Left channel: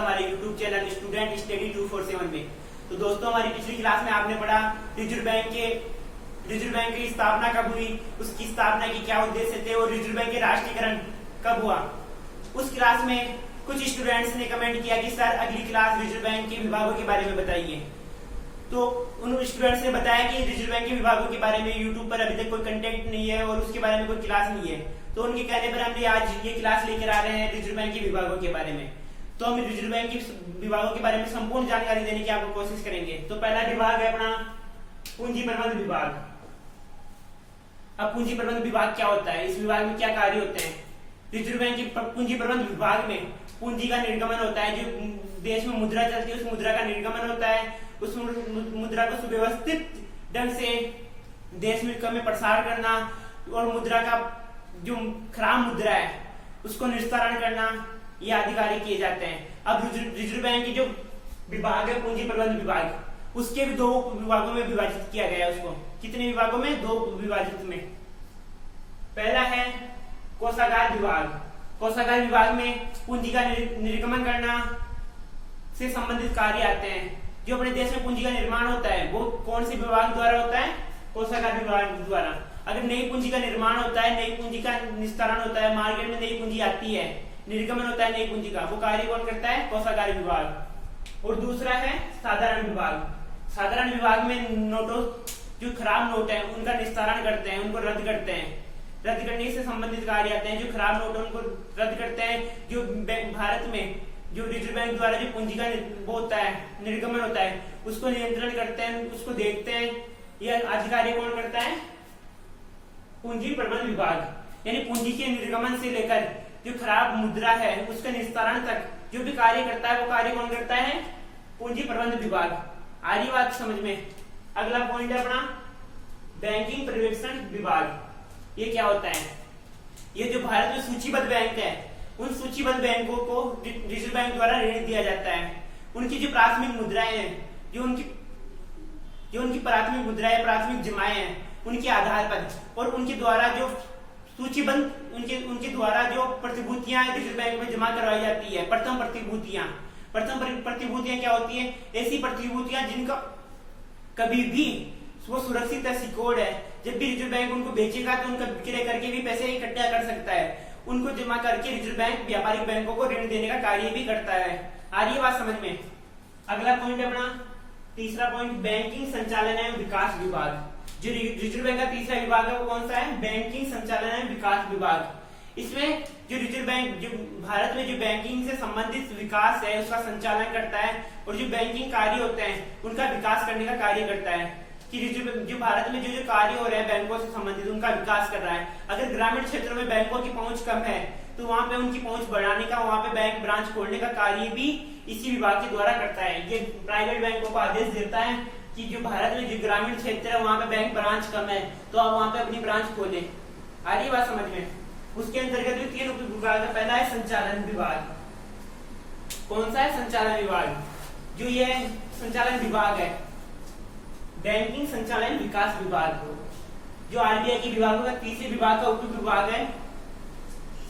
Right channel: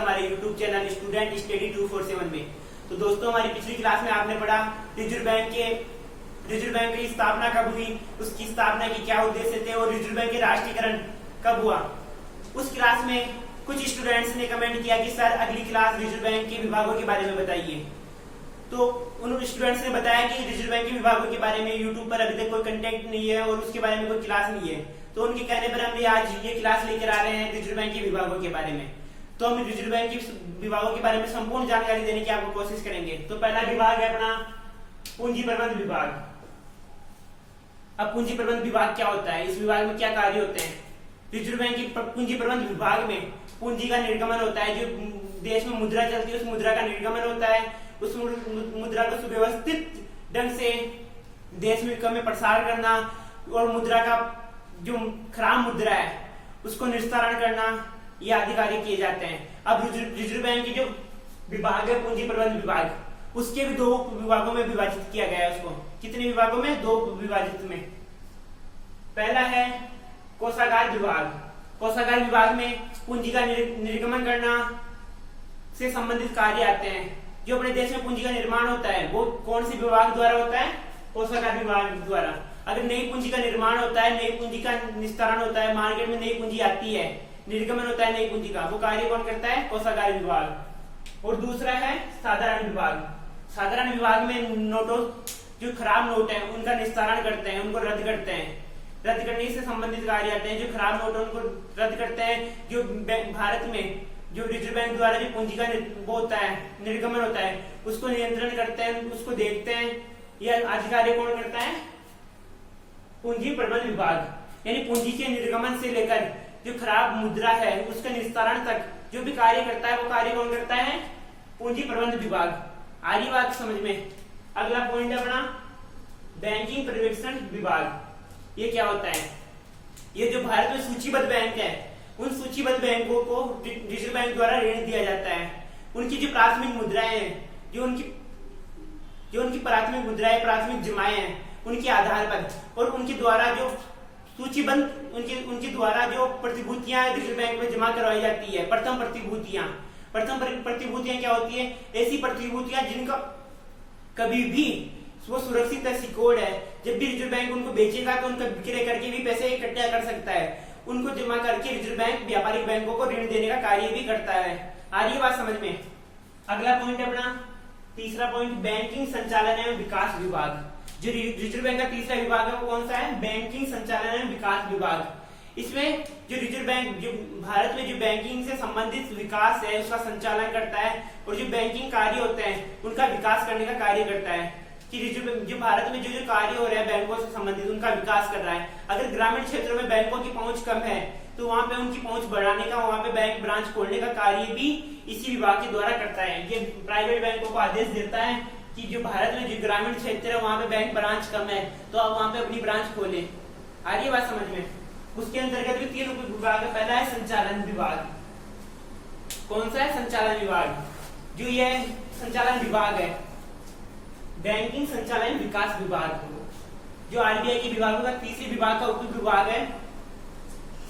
हमारे YouTube channel student study 247 में। तो दोस्तों, हमारी पिछली क्लास में आपने पढ़ा रिजर्व बैंक की स्थापना कब हुई, उसकी स्थापना के क्या उद्देश्य थे और रिजर्व बैंक के राष्ट्रीयकरण कब हुआ। उस क्लास में कुछ स्टूडेंट्स ने कमेंट किया कि सर अगली क्लास रिजर्व बैंक के विभागों के बारे में बताइए। तो उन स्टूडेंट्स ने बताया कि रिजर्व बैंक के विभागों के बारे में यूट्यूब पर अभी तक कोई कंटेंट नहीं है और उसके बारे में कोई क्लास नहीं है। तो उनके कहने पर हमने आज ये क्लास लेकर आ रहे हैं रिजर्व बैंक के विभागों के बारे में। तो हम रिजर्व बैंक के विभागों के बारे में संपूर्ण जानकारी देने की आपको कोशिश करेंगे। तो पहला विभाग है अपना पूंजी प्रबंध विभाग। अब पूंजी प्रबंध विभाग क्या होता है, इस विभाग में क्या कार्य होते हैं। रिजर्व बैंक के पूंजी प्रबंध विभाग में पूंजी का निर्गमन होता है, जो देश में मुद्रा चलती है उस मुद्रा का निर्गमन होता है, उस मुद्रा को सुव्यवस्थित ढंग से देश में प्रसार करना और मुद्रा का जो खराब मुद्रा है उसको निस्तारण करना, ये आदि कार्य किए जाते हैं। अब रिजर्व बैंक की जो विभाग है पूंजी प्रबंध विभाग, उसके भी दो विभागों में विभाजित किया गया है। उसको कितने विभागों में, दो विभाजित में। पहला है कोषागार विभाग। कोषागार विभाग में पूंजी का निर्गमन करना से संबंधित कार्य आते हैं। जो अपने देश में पूंजी का निर्माण होता है वो कौन से विभाग द्वारा होता है, कोषागार विभाग द्वारा। अगर नई पूंजी का निर्माण होता है, नई पूंजी का निस्तारण होता है, मार्केट में नई पूंजी आती है, निर्गमन होता है नई पूंजी का, वो कार्य कौन करता है, कोषागार विभाग। और दूसरा है साधारण विभाग। साधारण विभाग में नोटों, जो खराब नोट है उनका निस्तारण करते हैं, उनको रद्द करते हैं। रद्द करने से संबंधित कार्य आते हैं। जो खराब नोट है उनको रद्द करते हैं। जो भारत में जो रिजर्व बैंक द्वारा जो पूंजी का वो होता है, निर्गमन होता है, उसको नियंत्रण करते हैं, उसको देखते हैं। यह आदि कार्य कौन करता है, पूंजी प्रबंध विभाग। यानी पूंजी के निर्गमन से लेकर जो खराब मुद्रा है उसका निस्तारण तक जो भी कार्य करता है वो कार्य कौन करता है, पूंजी प्रबंध विभाग। आगे बात समझ में। अगला पॉइंट है अपना बैंकिंग पर्यवेक्षण विभाग। ये क्या होता है, ये जो भारत में सूचीबद्ध बैंक है उन सूचीबद्ध बैंकों को रिजर्व बैंक द्वारा ऋण दिया जाता है। उनकी जो प्राथमिक मुद्राएं हैं, जो उनकी प्राथमिक मुद्राएं, प्राथमिक जमाएं हैं, उनके आधार पर और उनके द्वारा जो सूचीबद्ध उनके द्वारा जो प्रतिभूतियां रिजर्व बैंक में जमा करवाई जाती है, प्रथम प्रतिभूतियां क्या होती है, ऐसी प्रतिभूतियां जिनका कभी भी वो सुरक्षित है, सिक्योर्ड है। जब भी रिजर्व बैंक उनको बेचेगा तो उनका विक्रय करके भी पैसे इकट्ठा कर सकता है। उनको जमा करके रिजर्व बैंक व्यापारिक बैंकों को ऋण देने का कार्य भी करता है। आ रही है बात समझ में। अगला पॉइंट है अपना तीसरा पॉइंट, बैंकिंग संचालन एवं विकास विभाग। जो रिजर्व बैंक का तीसरा विभाग है वो कौन सा है, बैंकिंग संचालन एवं विकास विभाग। इसमें जो रिजर्व बैंक जो भारत में जो बैंकिंग से संबंधित विकास है उसका संचालन करता है और जो बैंकिंग कार्य होते हैं उनका विकास करने का कार्य करता है। कि जो भारत में जो कार्य हो रहे हैं बैंकों से संबंधित उनका विकास कर रहा है। अगर ग्रामीण क्षेत्रों में बैंकों की पहुंच कम है तो वहां पे उनकी पहुंच बढ़ाने का, वहां पे बैंक ब्रांच खोलने का कार्य भी इसी विभाग के द्वारा करता है। ये प्राइवेट बैंकों को आदेश देता है कि जो भारत में जो ग्रामीण क्षेत्र है वहां पे बैंक ब्रांच कम है तो आप वहां पे अपनी ब्रांच खोले। आ रही बात समझ में। उसके अंतर्गत भी तीन विभाग है। पहला है संचालन विभाग। कौन सा है, संचालन विभाग। जो ये संचालन विभाग है, बैंकिंग संचालन विकास विभाग, जो आरबीआई के विभागों का तीसरे विभाग का उप विभाग है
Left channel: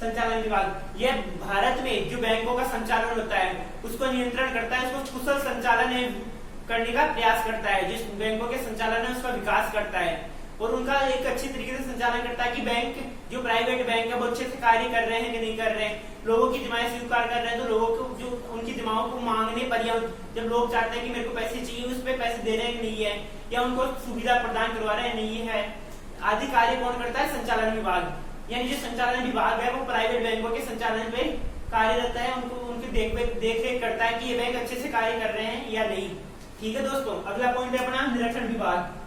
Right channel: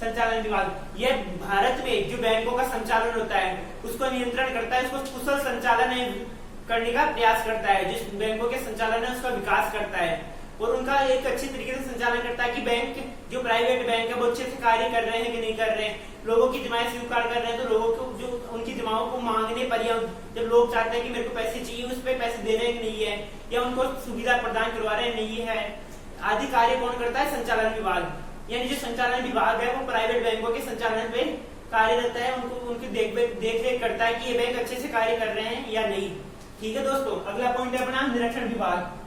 संचालन विभाग। यह भारत में जो बैंकों का संचालन होता है उसको नियंत्रण करता है, उसको कुशल संचालन करने का प्रयास करता है। जिस बैंकों के संचालन है उसका विकास करता है और उनका एक अच्छी तरीके से संचालन करता है कि बैंक जो प्राइवेट बैंक है वो अच्छे से कार्य कर रहे हैं कि नहीं कर रहे हैं। लोगों की जमाएं स्वीकार कर रहे हैं तो लोगों को जो उनकी जमाओं को मांगने पर या जब लोग चाहते हैं कि मेरे को पैसे चाहिए उस पर पैसे दे रहे हैं नहीं है, या उनको सुविधा प्रदान करवा रहे हैं नहीं है, आदि कार्य कौन करता है, संचालन विभाग। यानी जो संचालन विभाग है वो प्राइवेट बैंकों के संचालन पे कार्यरत है, उनकी देख रेख करता है कि ये बैंक अच्छे से कार्य कर रहे हैं या नहीं। ठीक है दोस्तों। अगला पॉइंट है अपना निरीक्षण विभाग।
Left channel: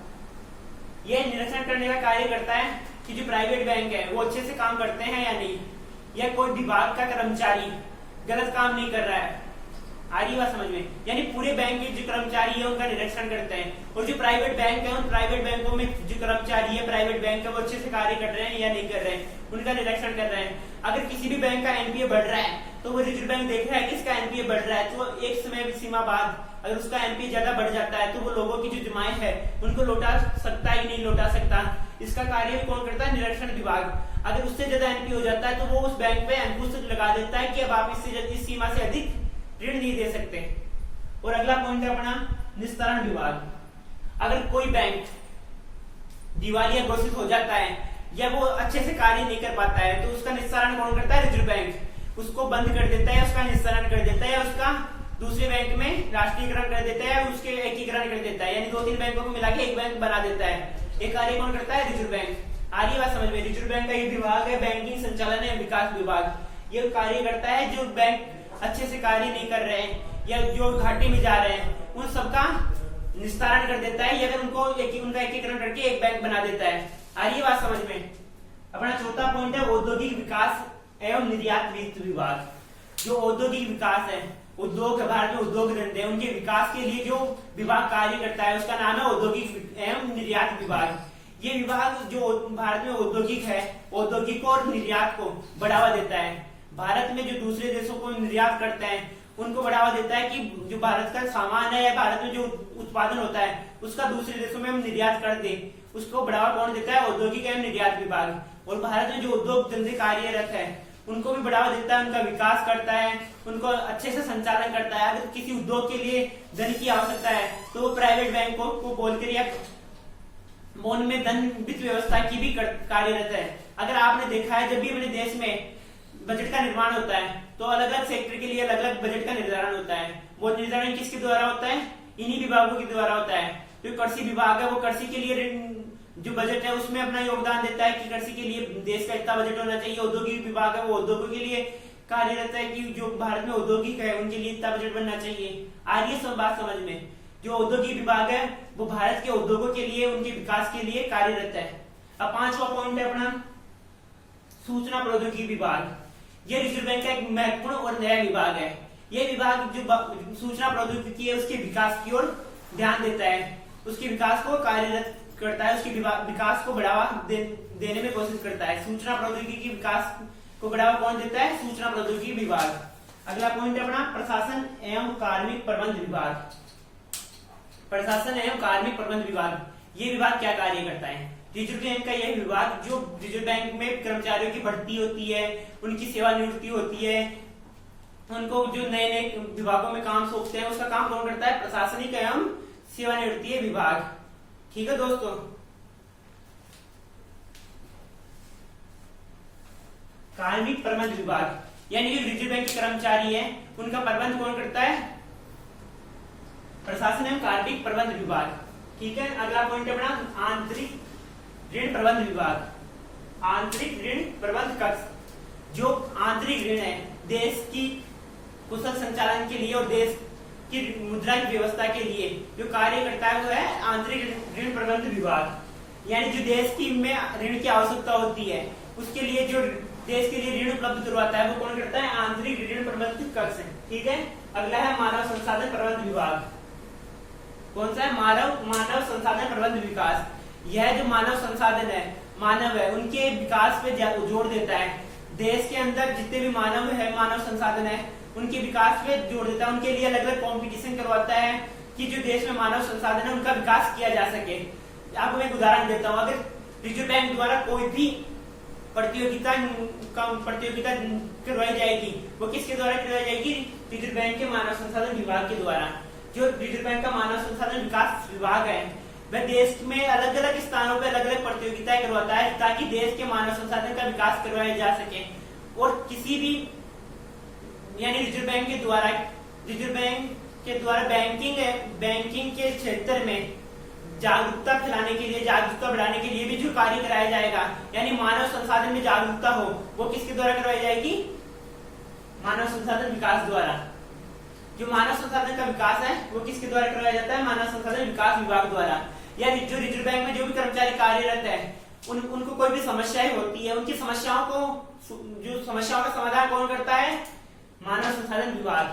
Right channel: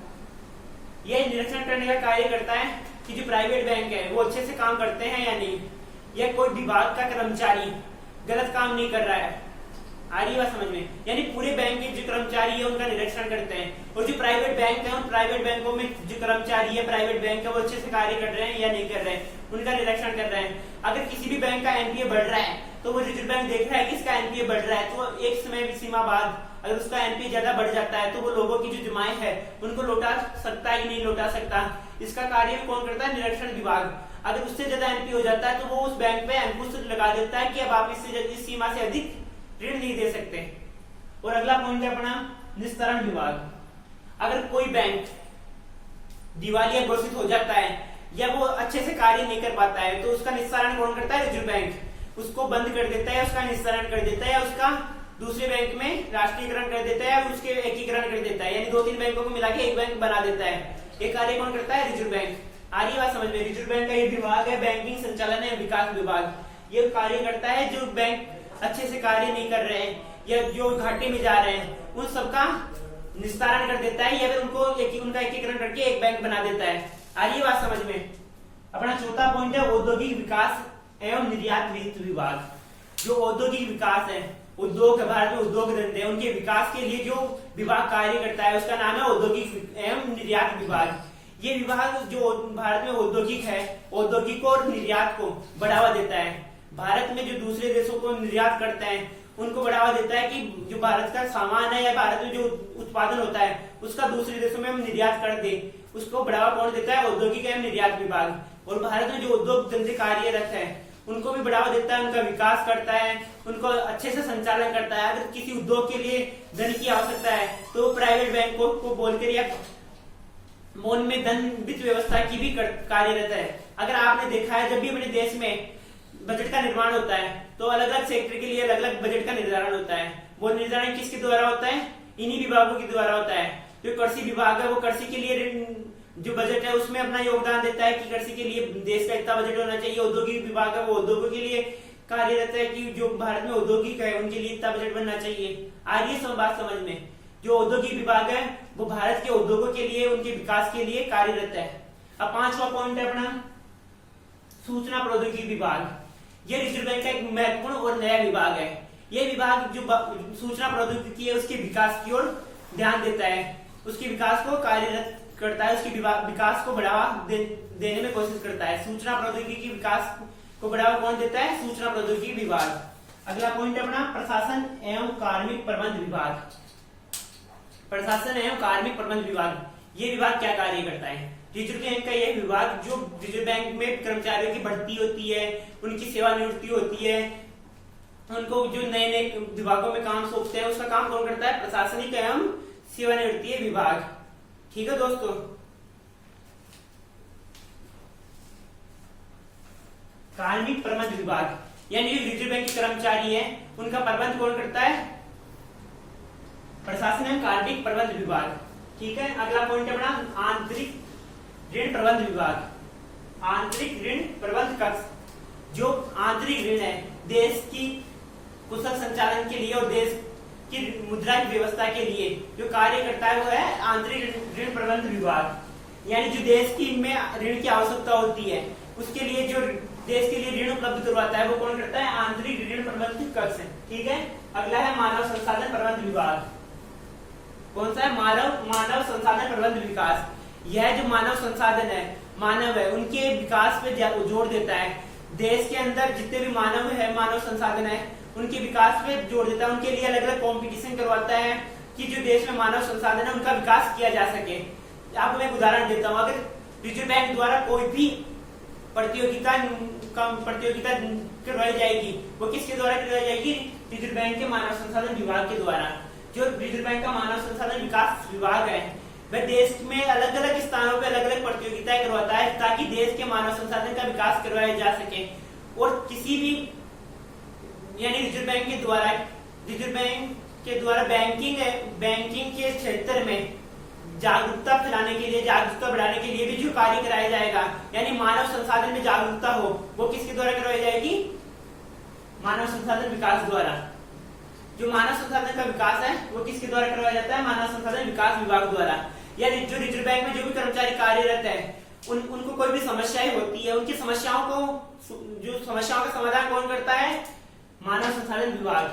यह निरीक्षण करने का कार्य करता है कि जो प्राइवेट बैंक है वो अच्छे से काम करते हैं या नहीं, या कोई विभाग का कर्मचारी गलत काम नहीं कर रहा है। आ रही बात समझ में। यानी पूरे बैंक के जो कर्मचारी है उनका निरीक्षण करते हैं और जो प्राइवेट बैंक है उन प्राइवेट बैंकों में जो कर्मचारी है प्राइवेट बैंक का वो अच्छे से कार्य कर रहे हैं या नहीं कर रहे हैं, उनका निरीक्षण कर रहे हैं। अगर किसी भी बैंक का एनपीए बढ़ रहा है तो वो रिजर्व बैंक देख रहा है कि इसका एनपीए बढ़ रहा है, तो एक समय सीमा बाद अगर उसका एनपीए ज्यादा बढ़ जाता है तो वो लोगों की जो जमाएं है उनको लौटा सकता ही नहीं लौटा सकता। इसका कार्य कौन करता है, निरीक्षण विभाग। अगर उससे ज्यादा एनपीए हो जाता है तो वो उस बैंक पे अंकुश लगा देता है कि अब आप इससे इस सीमा से अधिक ऋण नहीं दे सकते। और अगला पॉइंट है अपना निस्तारण विभाग। अगर कोई बैंक दिवालिया घोषित हो जाता है या वो अच्छे से कार्य नहीं कर पाता है तो उसका निस्तारण कौन करता है? रिजर्व बैंक उसको बंद कर देता है, उसका निस्तारण कर देता है या उसका दूसरे बैंक में राष्ट्रीयकरण कर देता है, उसके एकीकरण कर देता है, यानी 2-3 बैंकों को मिला के एक बैंक बना देता है। ये कार्य कौन करता है? Reserve bank. आ रही बात समझ में? रिजर्व बैंक का ये विभाग है बैंकिंग संचालन एवं विकास विभाग। ये कार्य करता है जो बैंक अच्छे से कार्य नहीं कर रहे हैं या जो घाटे में जा रहे हैं उन सबका निस्तारण कर देता है या फिर उनका एकीकरण करके एक बैंक बना देता है। आ रही बात समझ में? अपना चौथा पॉइंट है औद्योगिक विकास एवं निर्यात वित्त विभाग। जो औद्योगिक विकास है, उद्योग भारत में उद्योग धंधे हैं उनके विकास के लिए जो विभाग कार्य करता है उसका नाम है औद्योगिक एवं निर्यात विभाग। ये विभाग जो भारत में औद्योगिक है, औद्योगिक और निर्यात को बढ़ावा देता है। भारत में जो दूसरे देशों को निर्यात करते हैं उनको बढ़ावा देता है कि जो भारत का सामान है या भारत में जो उत्पादन होता है उसका दूसरे देशों में हम निर्यात कर दे, उसको बढ़ावा कौन देता है? औद्योगिक एवं निर्यात विभाग। और भारत में जो उद्योग धंधे कार्यरत है उनको भी बढ़ावा देता है, उनका विकास करता है, उनको अच्छे से संचालन करता है। अगर किसी उद्योग के लिए धन की आवश्यकता है तो प्राइवेट बैंकों को बोलकर या मौन में धन वित्त व्यवस्था की भी कार्यरत है। अगर आपने देखा है जब भी अपने देश में बजट का निर्माण होता है तो अलग अलग सेक्टर के लिए अलग अलग बजट का निर्धारण होता है। वो निर्धारण किसके द्वारा होता है? इन्हीं विभागों के द्वारा होता है। जो कृषि विभाग है वो कृषि के लिए जो बजट है उसमें अपना योगदान देता है कि कृषि के लिए देश का इतना बजट होना चाहिए। औद्योगिक विभाग है वो उद्योगों के लिए कार्यरत है कि जो भारत में औद्योगिक है उनके लिए इतना बजट बनना चाहिए। आइए सब बात समझ में। जो औद्योगिक विभाग है वो भारत के उद्योगों के लिए उनके विकास के लिए कार्यरत है। अब पांचवा पॉइंट है अपना सूचना प्रौद्योगिकी विभाग। ये रिजर्व बैंक का एक महत्वपूर्ण और नया विभाग है। ये विभाग जो सूचना प्रौद्योगिकी है उसके विकास की ओर ध्यान देता है, उसके विकास को कार्यरत करता है, उसके विकास को बढ़ावा देने में कोशिश करता है। सूचना प्रौद्योगिकी विकास को बढ़ावा कौन देता है? सूचना प्रौद्योगिकी विभाग। अगला पॉइंट है अपना प्रशासन एवं कार्मिक प्रबंध विभाग। प्रशासन एवं कार्मिक प्रबंध विभाग ये विभाग क्या कार्य करता है? रिजर्व बैंक का यह विभाग जो रिजर्व बैंक में कर्मचारियों की भर्ती होती है, उनकी सेवानिवृत्ति होती है, उनको जो नए नए विभागों में काम सौंपते हैं उसका काम कौन करता है? प्रशासनिक एवं सेवानिवृत्ति विभाग। ठीक है दोस्तों। कार्मिक प्रबंध विभाग यानी जो रिजर्व बैंक के कर्मचारी है उनका प्रबंध कौन करता है? प्रशासन एवं कार्मिक प्रबंध विभाग। ठीक है। अगला पॉइंट है अपना आंतरिक ऋण प्रबंध विभाग। आंतरिक ऋण प्रबंध कक्ष जो आंतरिक ऋण है देश की कुशल संचालन के लिए और देश की मुद्रा की व्यवस्था के लिए जो कार्य करता है वो है आंतरिक ऋण प्रबंध विभाग। यानी जो देश की में ऋण की आवश्यकता होती है उसके लिए जो देश के लिए ऋण उपलब्ध करवाता है वो कौन करता है? आंतरिक ऋण प्रबंध कक्ष है। ठीक है। अगला है मानव संसाधन प्रबंध विभाग। कौन सा है? मानव संसाधन प्रबंध विकास। यह जो मानव संसाधन है, मानव है, उनके विकास पे जोर देता है। देश के अंदर जितने भी मानव है, मानव संसाधन है, उनके विकास पे जोर देता है। उनके लिए अलग अलग कॉम्पिटिशन करवाता है कि जो देश में मानव संसाधन है उनका विकास किया जा सके। आपको मैं एक उदाहरण देता हूँ। अगर रिजर्व बैंक द्वारा कोई भी प्रतियोगिता करवाई जाएगी वो किसके द्वारा करवाई जाएगी? रिजर्व बैंक के मानव संसाधन विभाग के द्वारा। जो रिजर्व बैंक का मानव संसाधन विकास विभाग है वह देश में अलग अलग स्थानों पर अलग अलग प्रतियोगिताएं करवाता है ताकि देश के मानव संसाधन का विकास करवाया जा सके। और किसी भी यानी रिजर्व बैंक के द्वारा बैंकिंग के क्षेत्र में जागरूकता फैलाने के लिए, जागरूकता बढ़ाने के लिए भी जो कार्य कराया जाएगा यानी मानव संसाधन में जागरूकता हो वो किसके द्वारा करवाई जाएगी? मानव संसाधन विकास द्वारा। जो मानव संसाधन का विकास है वो किसके द्वारा करवाया जाता है? मानव संसाधन विकास विभाग द्वारा। या जो रिजर्व बैंक में जो भी कर्मचारी कार्यरत है उनको कोई भी समस्याएं होती है, उनकी समस्याओं का समाधान कौन करता है? मानव संसाधन विभाग।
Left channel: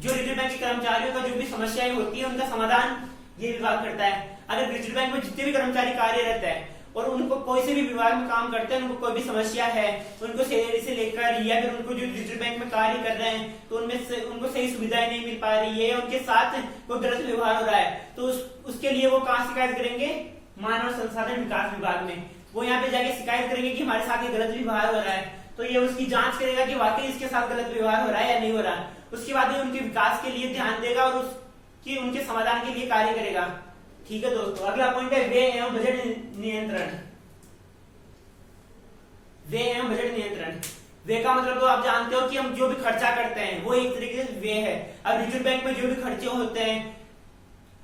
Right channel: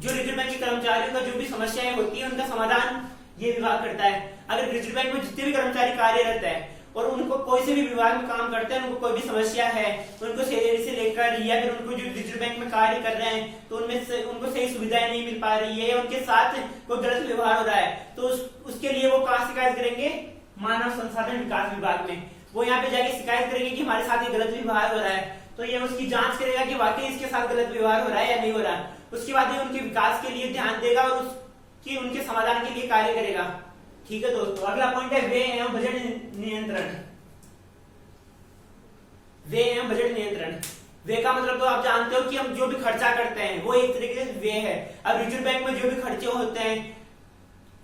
जो रिजर्व बैंक के कर्मचारियों का जो भी समस्याएं होती है उनका समाधान ये विभाग करता है। अगर रिजर्व बैंक में जितने भी कर्मचारी कार्यरत है और उनको कोई से भी विभाग में काम करते हैं, उनको कोई भी समस्या है, उनको सैलरी से लेकर या फिर उनको जो रिजर्व बैंक में कार्य कर रहे हैं तो उनमें से उनको सही सुविधाएं नहीं मिल पा रही है या उनके साथ कोई गलत व्यवहार हो रहा है तो उसके लिए वो कहाँ शिकायत करेंगे? मानव संसाधन विकास विभाग में। वो यहाँ पे जाके शिकायत करेंगे कि हमारे साथ ये गलत व्यवहार हो रहा है, तो ये उसकी जांच करेगा कि वाकई इसके साथ गलत व्यवहार हो रहा है या नहीं हो रहा। उसके बाद ये उनके विकास के लिए ध्यान देगा और उसकी उनके समाधान के लिए कार्य करेगा। ठीक है दोस्तों, अगला पॉइंट है व्यय एवं बजट नियंत्रण। व्यय एवं बजट नियंत्रण, व्यय का मतलब तो आप जानते हो कि हम जो भी खर्चा करते हैं वो एक तरीके से व्यय है। अब रिजर्व बैंक में जो भी खर्चे होते हैं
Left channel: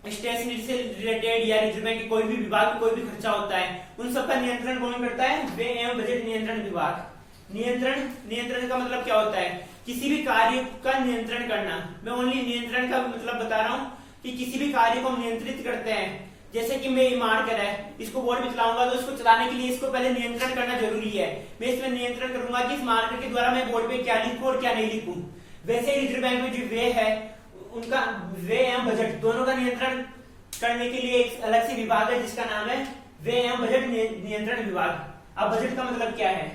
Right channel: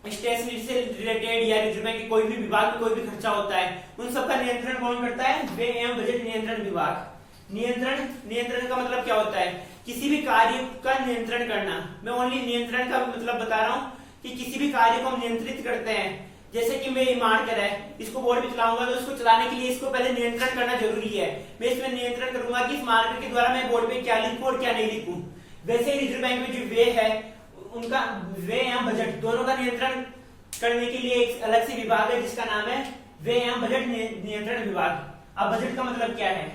स्टेशनरी से रिलेटेड या रिजर्व बैंक के कोई भी विभाग में कोई भी खर्चा होता है, उन सबका नियंत्रण कौन करता है? व्यय एवं बजट नियंत्रण विभाग। नियंत्रण का मतलब क्या होता है? किसी भी कार्य का नियंत्रण करना। मैं ओनली नियंत्रण का मतलब बता रहा हूँ कि किसी भी कार्य को हम नियंत्रित करते हैं। जैसे कि मैं मार्कर है, इसको बोर्ड में चलाऊंगा तो इसको चलाने के लिए इसको पहले नियंत्रण करना जरूरी है। मैं इसमें नियंत्रण करूंगा कि इस मार्कर के द्वारा मैं बोर्ड पे क्या लिखूं और क्या नहीं लिखूं। वैसे ही रिजर्व बैंक में जो व्यय है उनका व्यय एवं बजट दोनों का नियंत्रण करने के लिए एक अलग से विभाग है जिसका नाम है व्यय एवं बजट नियंत्रण विभाग। अब बजट का मतलब क्या है?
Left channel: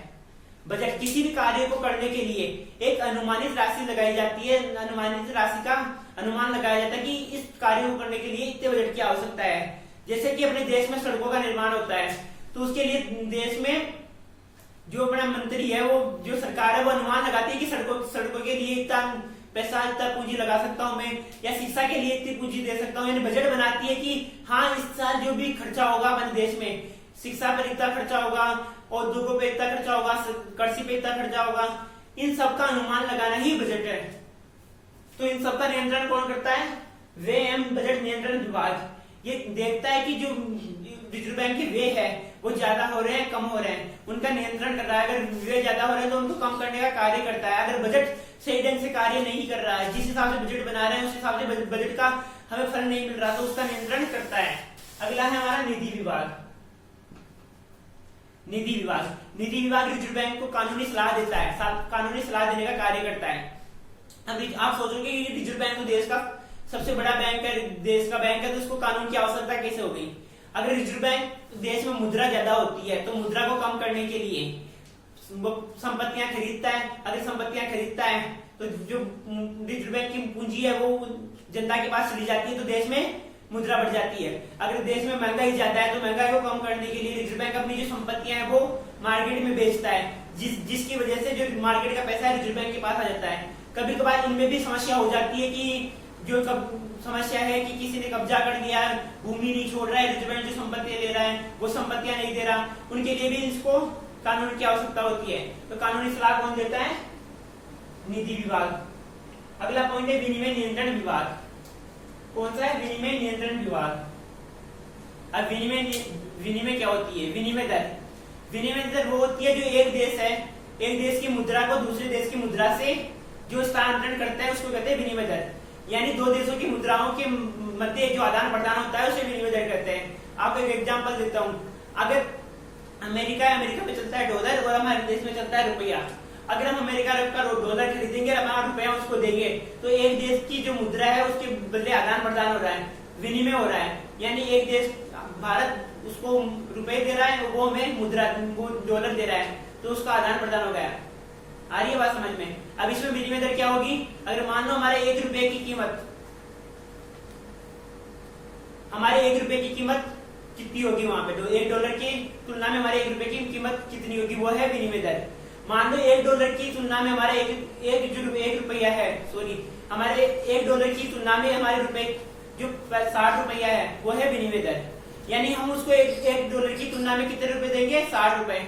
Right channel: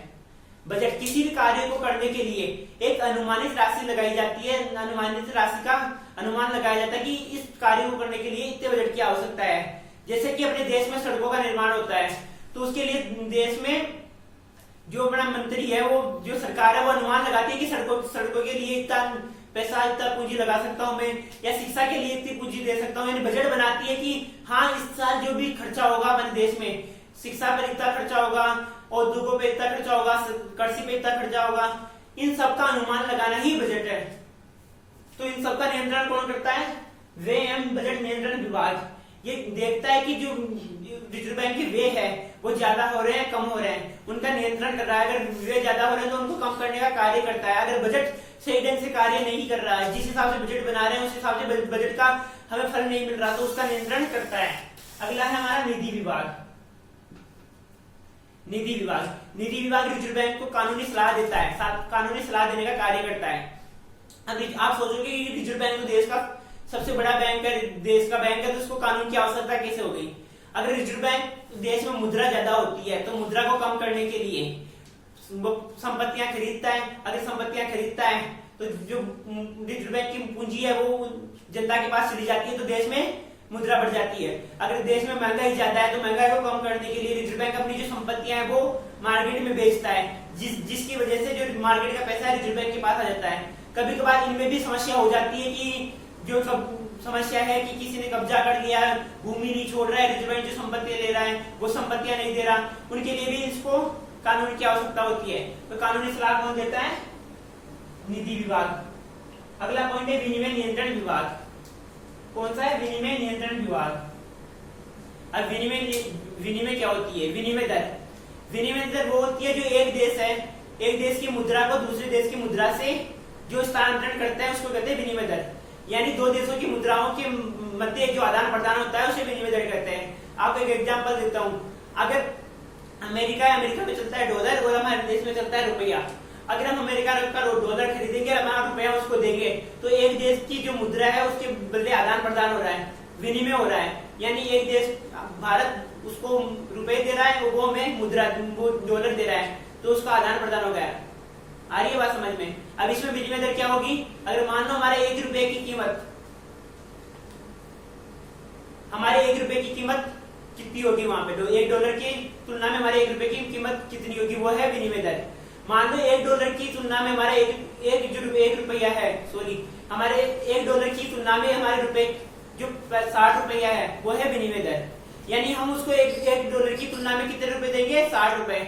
बजट किसी भी कार्य को करने के लिए एक अनुमानित राशि लगाई जाती है। अनुमानित राशि का अनुमान लगाया जाता है कि इस कार्य को करने के लिए इतने बजट की आवश्यकता है। जैसे कि अपने देश में सड़कों का निर्माण होता है तो उसके लिए देश में जो बड़ा मंत्री है वो जो सरकार है वो अनुमान लगाती है कि सड़कों के लिए इतना पैसा इतना पूंजी लगा सकता हूं मैं, या शिक्षा के लिए इतनी पूंजी दे सकता हूं। यानी बजट बनाती है कि हाँ इस साल जो भी खर्चा होगा अपने देश में, शिक्षा पर इतना खर्चा होगा, उद्योगों पे इतना खर्चा होगा, कृषि पे इतना खर्चा होगा, इन सबका अनुमान लगाना ही बजट है। तो इन सबका नियंत्रण कौन करता है? व्यय एवं बजट नियंत्रण विभाग। ये देखता है कि जो रिजर्व बैंक के व्यय है वो ज्यादा हो रहे हैं कम हो रहे हैं, उनका नियंत्रण कर रहा है। अगर व्यय ज्यादा हो रहे हैं तो उनको कम करने का कार्य करता है। अगर बजट सही ढंग से कार्य नहीं कर रहा है, जिस हिसाब से बजट बना रहे हैं उस हिसाब से बजट का हमें फल नहीं मिल रहा तो उसका नियंत्रण करता है। अगला है हमारा निधि विभाग। निधि विभाग रिजर्व बैंक को कानूनी सलाह देता है, कानूनी सलाह देने का कार्य करता है। अब आप सोचोगे कि रिजर्व बैंक तो देश का सबसे बड़ा बैंक है, देश का बैंक है, तो उसको कानून की आवश्यकता कैसे हो गई? अगर रिजर्व बैंक देश में मुद्रा ज्यादा होती है तो मुद्रा को कम करने के लिए वो संपत्तियां खरीदता है। अगर संपत्तियां खरीदता है तो जो रिजर्व बैंक की पूंजी है वो जनता के पास चली जाती है तो देश में मुद्रा बढ़ जाती है। अगर देश में महंगाई ज्यादा है तो महंगाई को कम करने के लिए रिजर्व बैंक अपनी जो संपत्तियां हैं वो मार्केट में बेचता है, जिसकी वजह से जो मार्केट का पैसा है रिजर्व बैंक के पास आ जाता है। कभी कभार इनमें भी समस्या हो जाती है कि जो समस्या है कि किसी ने कब्जा कर लिया, भूमि नहीं छोड़ रहा है, रिजर्व बैंक जो संपत्तियां ले रहा है वो संपत्तियां नहीं दे रहा, उनके लिए भी इसको कानून की आवश्यकता होती है। तो कानूनी सलाह कौन देता है? निधि विभाग। अगला पॉइंट है विनिमय नियंत्रण विभाग। कौन सा है? विनिमय नियंत्रण विभाग। अब विनिमय क्या होती है? विनिमय दर वो होती है जो एक देश है, एक देश की मुद्रा को दूसरे देश की मुद्रा से जो स्थानांतरण करता है उसको कहते हैं विनिमय दर। यानी दो देशों की मुद्राओं के मध्य जो आदान प्रदान होता है उसे विनिमय दर कहते हैं। आपको एक एग्जांपल देता हूं। अगर अमेरिका में चलता है डॉलर और हमारे देश में चलता है रुपया। अगर हम अमेरिका का डॉलर खरीदेंगे और हमारा रुपया उसको देंगे तो एक देश की जो मुद्रा है उसके बदले आदान प्रदान हो रहा है, विनिमय हो रहा है। यानी एक देश भारत उसको रुपए दे रहा है, वो हमें मुद्रा वो डॉलर दे रहा है, तो उसका आदान प्रदान हो गया। आ रही है बात समझ में? अब इसमें विनिमय दर क्या होगी? अगर मान लो हमारे 1 रुपए की कीमत, हमारे 1 रुपए की कीमत कितनी होगी वहां पे, तो $1 की तुलना में हमारे 1 रुपए की कीमत कितनी होगी? वो है विनिमय दर। मान लो $1 की तुलना में हमारे एक रुपया है, सॉरी हमारे $1 की तुलना में हमारे रुपए जो 60 रुपया है वो है विनिमय दर। यानी हम उसको $1 की तुलना में कितने रुपए देंगे? 60 रुपए।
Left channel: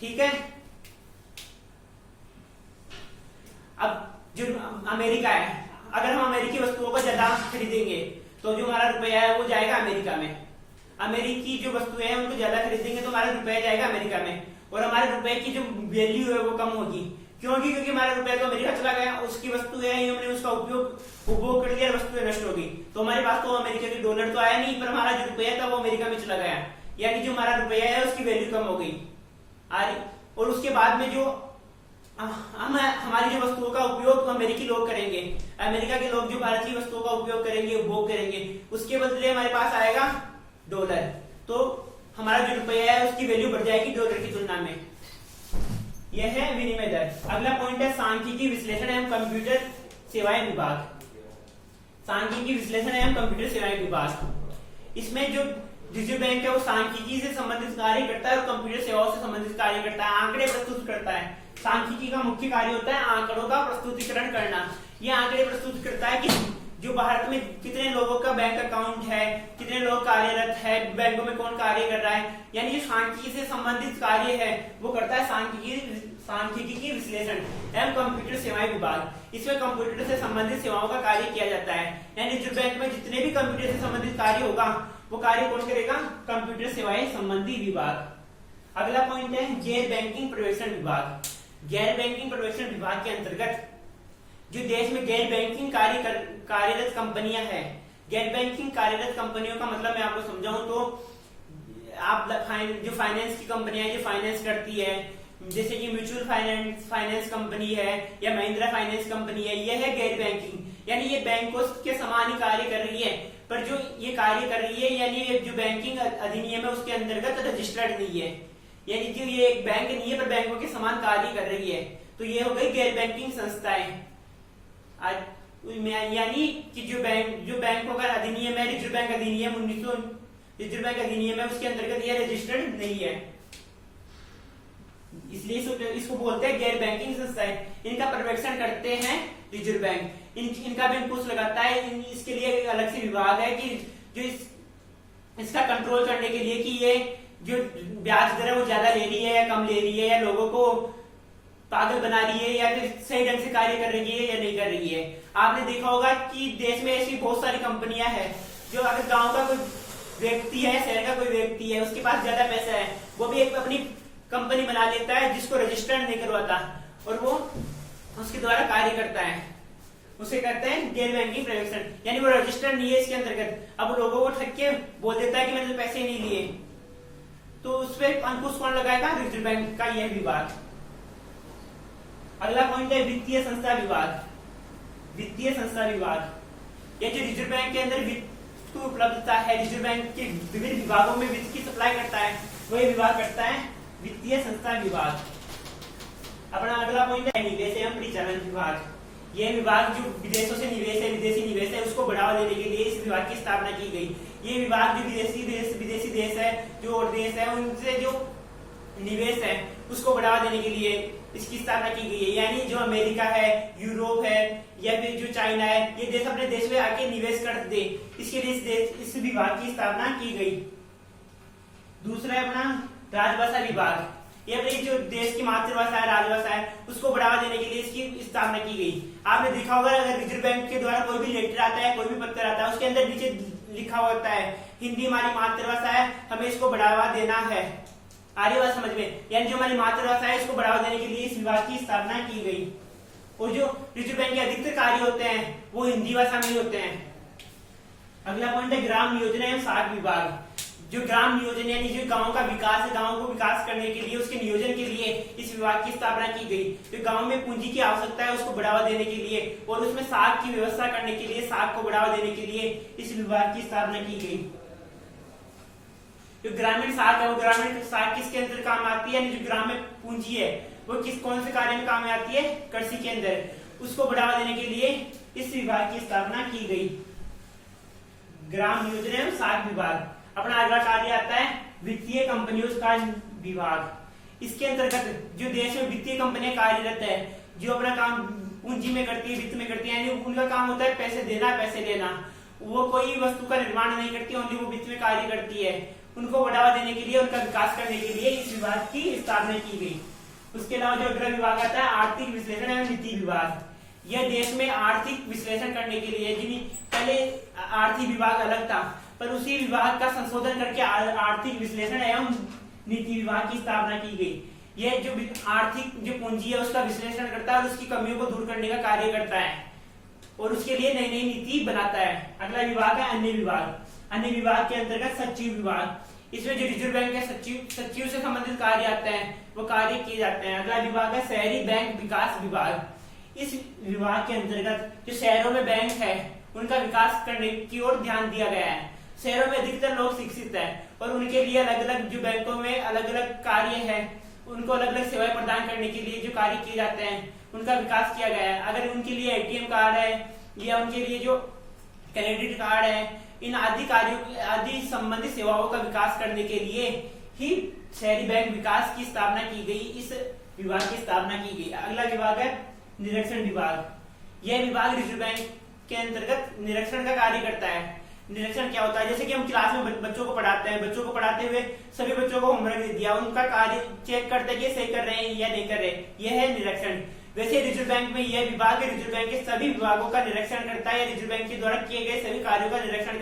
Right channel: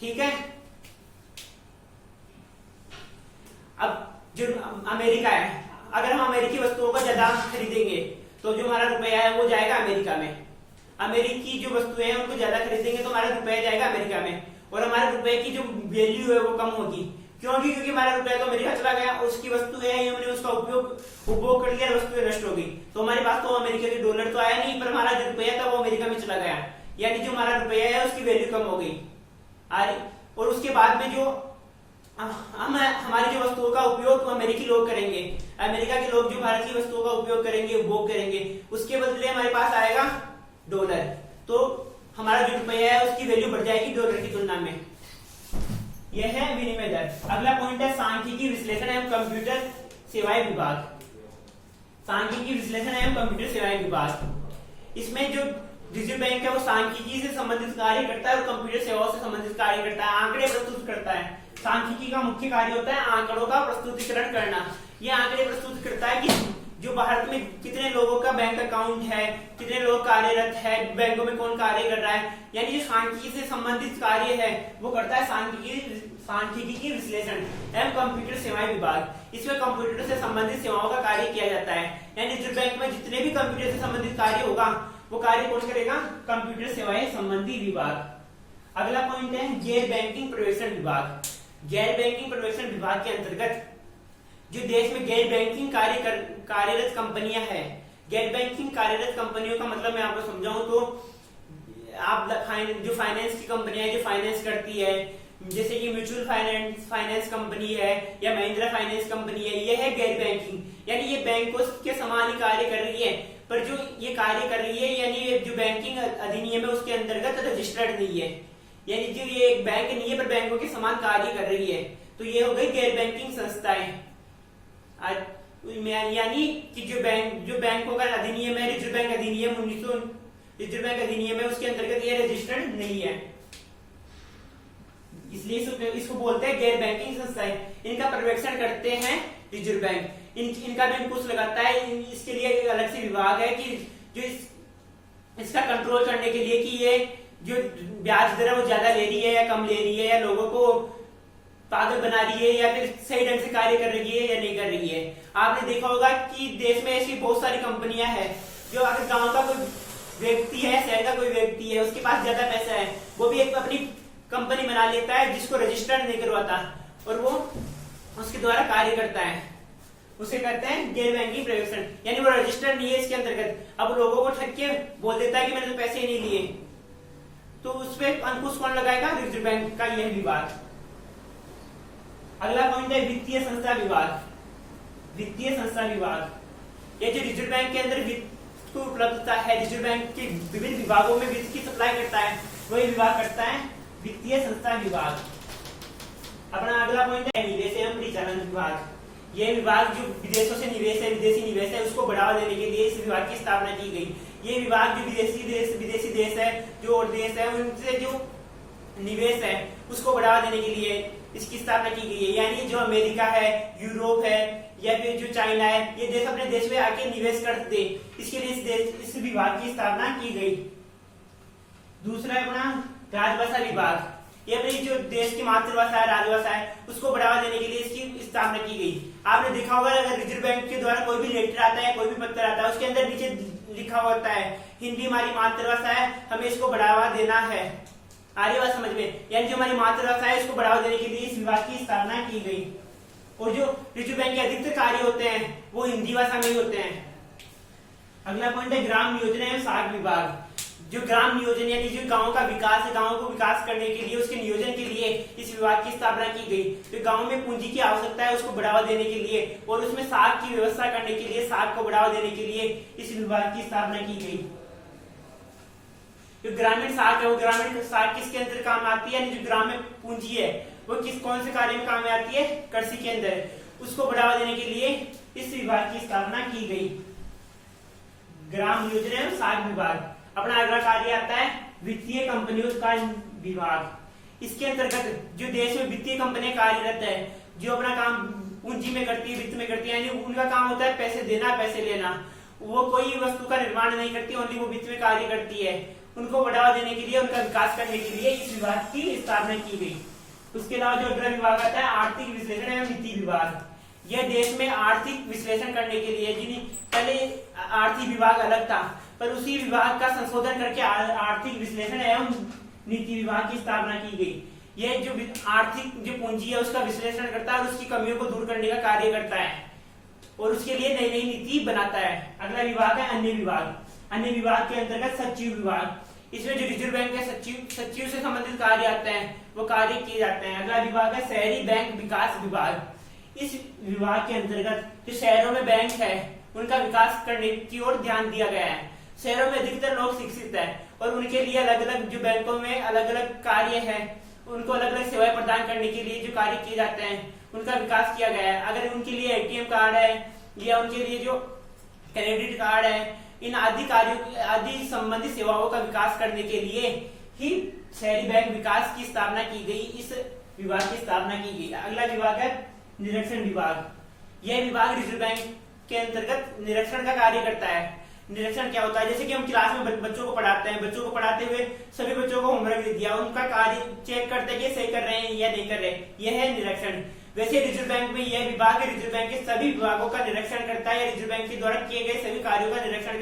ठीक है। अब जो अमेरिका है, अगर हम अमेरिकी वस्तुओं को ज्यादा खरीदेंगे तो जो हमारा रुपया है वो जाएगा अमेरिका में। अमेरिकी जो वस्तुएं हैं उनको ज्यादा खरीदेंगे तो हमारा रुपया जाएगा अमेरिका में, और हमारे रुपए की जो वैल्यू है वो कम होगी। क्योंकि हमारा रुपया तो अमेरिका चला गया, उसकी वस्तु है हमने उसका उपभोग कर लिया, वस्तु नष्ट हो गई, तो हमारे पास तो अमेरिका के डॉलर तो आया नहीं, पर हमारा जो रुपया था वो अमेरिका में चला गया। यानी जो हमारा रुपया है उसकी वैल्यू कम हो गई। और उसके बाद में जो हम हमारी जो वस्तुओं का उपयोग अमेरिकी लोग करेंगे, अमेरिका के लोग जो भारत की वस्तुओं का उपयोग करेंगे, उपभोग करेंगे, उसके बदले हमारे पास आएगा डॉलर, तो हमारा जो रुपया है उसकी वैल्यू बढ़ जाएगी डॉलर की तुलना में। यह है विनिमय दर। अगला पॉइंट है सांख्यिकी विश्लेषण एवं कंप्यूटर सेवाएं विभाग। सांख्यिकी विश्लेषण एवं कंप्यूटर सेवाएं विभाग, इसमें जो रिजर्व बैंक है वो सांख्यिकी से संबंधित कार्य करता है और कंप्यूटर सेवाओं से संबंधित कार्य करता है, आंकड़े प्रस्तुत करता है। सांख्यिकी का मुख्य कार्य होता है आंकड़ों का प्रस्तुतिकरण करना। यह आंकड़े प्रस्तुत करता है कि जो भारत में कितने लोगों का बैंक अकाउंट है, कितने लोग कार्यरत है, बैंकों में कौन कार्य कर रहा है, यानी जो सांख्यिकी से संबंधित कार्य है वो करता है सांख्यिकी विश्लेषण एवं कंप्यूटर सेवाएं विभाग। इसमें कंप्यूटर से संबंधित सेवाओं का कार्य किया जाता है, यानी रिजर्व बैंक में जितने भी कंप्यूटर से संबंधित कार्य होगा वो कार्य कौन करेगा? कंप्यूटर सेवाएं संबंधी विभाग। अगला पॉइंट है गैर बैंकिंग पर्यवेक्षण विभाग। गैर बैंकिंग पर्यवेक्षण विभाग के अंतर्गत जो देश में गैर बैंकिंग कार्यरत कंपनियां हैं, गैर बैंकिंग कार्यरत कंपनियों का मतलब मैं आपको समझाऊं तो आप जो फाइनेंस की कंपनियां जो फाइनेंस करती है, जैसे कि म्यूचुअल फाइनेंस कंपनी है या महिंद्रा फाइनेंस कंपनी है, ये है गैर बैंकिंग, यानी ये बैंकों के समान ही कार्य कर रही है, पर जो ये कार्य कर रही है यानी ये जो बैंकिंग अधिनियम है उसके अंतर्गत रजिस्टर्ड नहीं है, यानी जो ये एक बैंक नहीं है पर बैंकों के समान कार्य कर रही है, तो ये हो गई गैर बैंकिंग संस्थाएं। यानी कि जो बैंकों का अधिनियम है, रिजर्व बैंक अधिनियम 1900 रिजर्व बैंक अधिनियम है, उसके अंतर्गत ये रजिस्टर्ड नहीं है, इसलिए इसको बोलते हैं गैर बैंकिंग संस्थाएं। इनका पर्यवेक्षण करते हैं रिजर्व बैंक, इनका भी अंकुश लगाता है। इसके लिए एक अलग से विभाग है कि जो इसका कंट्रोल करने के लिए कि ये जो ब्याज दर है वो ज्यादा ले रही है या कम ले रही है, या लोगों को पागल बना रही है या फिर सही ढंग से कार्य कर रही है या नहीं कर रही है। आपने देखा होगा कि देश में ऐसी बहुत सारी कंपनियां हैं जो अगर गांव का कोई व्यक्ति है, शहर का कोई व्यक्ति है, उसके पास ज्यादा पैसा है, वो भी एक अपनी कंपनी बना लेता है जिसको रजिस्टर्ड नहीं करवाता और वो उसके द्वारा कार्य करता है, उसे कहते हैं गैर बैंकिंग पर्यवेक्षण, यानी वो रजिस्टर्ड नहीं है इसके अंतर्गत। अब लोगों को ठग के बोल देता है कि मैंने तो पैसे ही नहीं लिए, तो उस पर अंकुश कौन लगाएगा? रिजर्व बैंक का यह विभाग। अगला पॉइंट है वित्तीय संस्था विभाग। वित्तीय संस्था विभाग यह जो रिजर्व बैंक के अंदर वित्त की उपलब्धता है, रिजर्व बैंक के विभिन्न विभागों में वित्त की सप्लाई करता है, वही विभाग करता है वित्तीय संस्था विभाग। अपना अगला पॉइंट है निवेश एवं परिचालन विभाग। यह विभाग जो विदेशों से निवेश है, विदेशी निवेश है, उसको बढ़ावा देने के लिए इस विभाग की स्थापना की गई। ये विभाग जो विदेशी देश है, जो और देश है, उनसे जो निवेश है उसको बढ़ावा देने के लिए इसकी स्थापना की गई है। यानी जो अमेरिका है, यूरोप है या फिर जो चाइना है, ये देश अपने देश में आके निवेश कर दे, इसके लिए इस विभाग की स्थापना की गई। दूसरा अपना राजभाषा विभाग। ये अपनी जो देश की मातृभाषा है, राजभाषा है, उसको बढ़ावा देने के लिए इसकी स्थापना की गई। आपने देखा होगा अगर रिजर्व बैंक के द्वारा कोई भी लेटर आता है, कोई भी पत्र आता है, उसके अंदर नीचे लिखा होता है हिंदी हमारी मातृभाषा है, हमें इसको बढ़ावा देना है। आ रही बात समझ में? यानी जो हमारी मातृभाषा है इसको बढ़ावा देने के लिए इस विभाग की स्थापना की गई। और जो रिजर्व बैंक के अधिकतर कार्य होते हैं वो हिंदी भाषा में ही होते हैं। अगला पॉइंट है ग्राम नियोजन एवं साख विभाग। जो ग्राम नियोजन यानी जो गांव का विकास है, गांव को विकास करने के लिए, उसके नियोजन के लिए इस विभाग की स्थापना की गई। तो गांव में पूंजी की आवश्यकता है, उसको बढ़ावा देने के लिए और उसमें साख की व्यवस्था करने के लिए, साख को बढ़ावा देने के लिए इस विभाग की स्थापना की गई। जो ग्रामीण साख है वो ग्रामीण साख किसके अंदर काम आती है, यानी जो ग्रामीण पूंजी है वो कौन से कार्य में काम में आती है? कृषि के अंदर। उसको बढ़ावा देने के लिए इस विभाग की स्थापना की गई, ग्राम नियोजन एवं साख विभाग। अपना अगला कार्य आता है वित्तीय कंपनियों का विभाग। इसके अंतर्गत जो देश में वित्तीय कंपनियां कार्यरत है, जो अपना काम पूंजी में करती है, वित्त में करती है, यानी उनका काम होता है पैसे देना, पैसे लेना। वो कोई वस्तु का निर्माण नहीं करती, ओनली वो वित्त में कार्य करती है। उनको बढ़ावा देने के लिए, उनका विकास करने के लिए इस विभाग की स्थापना की गई। उसके अलावा जो अगला विभाग आता है आर्थिक विश्लेषण एवं नीति विभाग। यह देश में आर्थिक विश्लेषण करने के लिए, जिन्हें पहले आर्थिक विभाग अलग था पर उसी विभाग का संशोधन करके आर्थिक विश्लेषण एवं नीति विभाग की स्थापना की गई। यह जो आर्थिक जो पूंजी है उसका विश्लेषण करता है और उसकी कमियों को दूर करने का कार्य करता है और उसके लिए नई नई नीति बनाता है। अगला विभाग है अन्य विभाग। अन्य विभाग के अंतर्गत सचिव विभाग। इसमें जो रिजर्व बैंक के सचिव से संबंधित कार्य आते हैं वो कार्य किए जाते हैं। अगला विभाग है शहरी बैंक विकास विभाग। इस विभाग के अंतर्गत जो शहरों में बैंक है उनका विकास करने की ओर ध्यान दिया गया है। शहरों में अधिकतर लोग शिक्षित है और उनके लिए अलग अलग जो बैंकों में अलग अलग कार्य है, उनको अलग अलग सेवाएं प्रदान करने के लिए जो कार्य किए जाते हैं उनका विकास किया गया है। अगर उनके लिए एटीएम कार्ड है या उनके लिए जो क्रेडिट कार्ड है, इन आदि कार्यों आदि संबंधित सेवाओं का विकास करने के लिए ही शहरी बैंक विकास की स्थापना की गई। इस विभाग की स्थापना की गई। अगला विभाग है निरीक्षण विभाग। यह विभाग रिजर्व बैंक के अंतर्गत निरीक्षण का कार्य करता है। निरीक्षण क्या होता है, जैसे कि हम क्लास में बच्चों को पढ़ाते हैं, बच्चों को पढ़ाते हुए सभी बच्चों को होमवर्क दे दिया, उनका कार्य चेक करते हैं कि सही कर रहे हैं या नहीं कर रहे, यह है निरीक्षण। वैसे रिजर्व बैंक में यह विभाग रिजर्व बैंक के सभी विभागों का निरीक्षण करता है या रिजर्व बैंक के द्वारा किए गए सभी कार्यों का निरीक्षण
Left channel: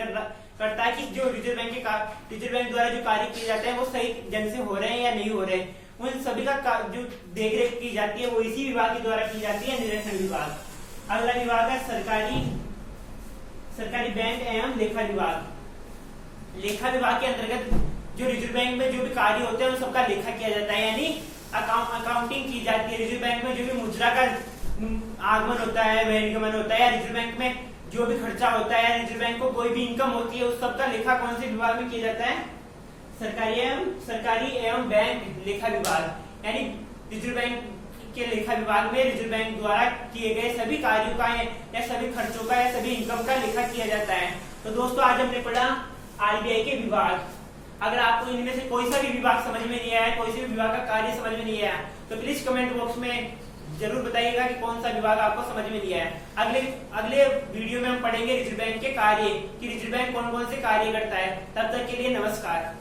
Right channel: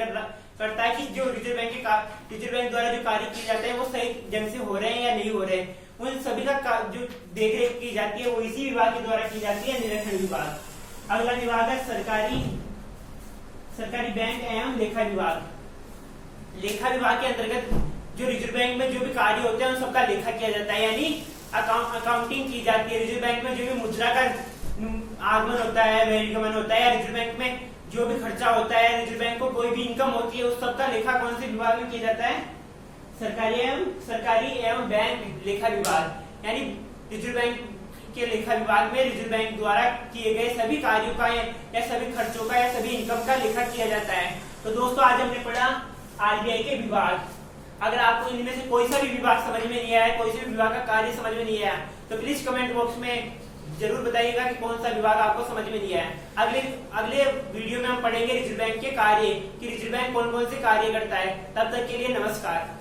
करता है कि जो रिजर्व बैंक द्वारा जो कार्य किए जाते हैं वो सही ढंग से हो रहे हैं या नहीं हो रहे, उन सभी का जो देखरेख की जाती है वो इसी विभाग के द्वारा की जाती है, निरीक्षण विभाग। अगला विभाग है सरकारी बैंक एवं लेखा विभाग। लेखा विभाग के अंतर्गत जो रिजर्व बैंक में जो भी कार्य होते हैं उन सबका लेखा किया जाता है, यानी अकाउंटिंग की जाती है। रिजर्व बैंक में जो भी मुद्रा का आगमन होता है, बहिर्गमन होता है, या रिजर्व बैंक में जो भी खर्चा होता है, रिजर्व बैंक को कोई भी इनकम होती है, उस सबका लेखा कौन से विभाग में किया जाता है, सरकारी एवं बैंक लेखा विभाग। यानी रिजर्व बैंक के लेखा विभाग में रिजर्व बैंक द्वारा किए गए सभी कार्यों का या सभी खर्चों का या सभी इनकम का लेखा किया जाता है। तो दोस्तों आज हमने पढ़ा आरबीआई के विभाग। अगर आपको इनमें से कोई सा भी विभाग समझ में नहीं आया, कोई से भी विभाग का कार्य समझ में नहीं आया, तो प्लीज कमेंट बॉक्स में जरूर बताइएगा कि कौन सा विभाग आपको समझ में नहीं आया। अगले वीडियो में हम पढ़ेंगे रिजर्व बैंक के कार्य, कि रिजर्व बैंक कौन कौन से कार्य करता है। तब तक के लिए नमस्कार।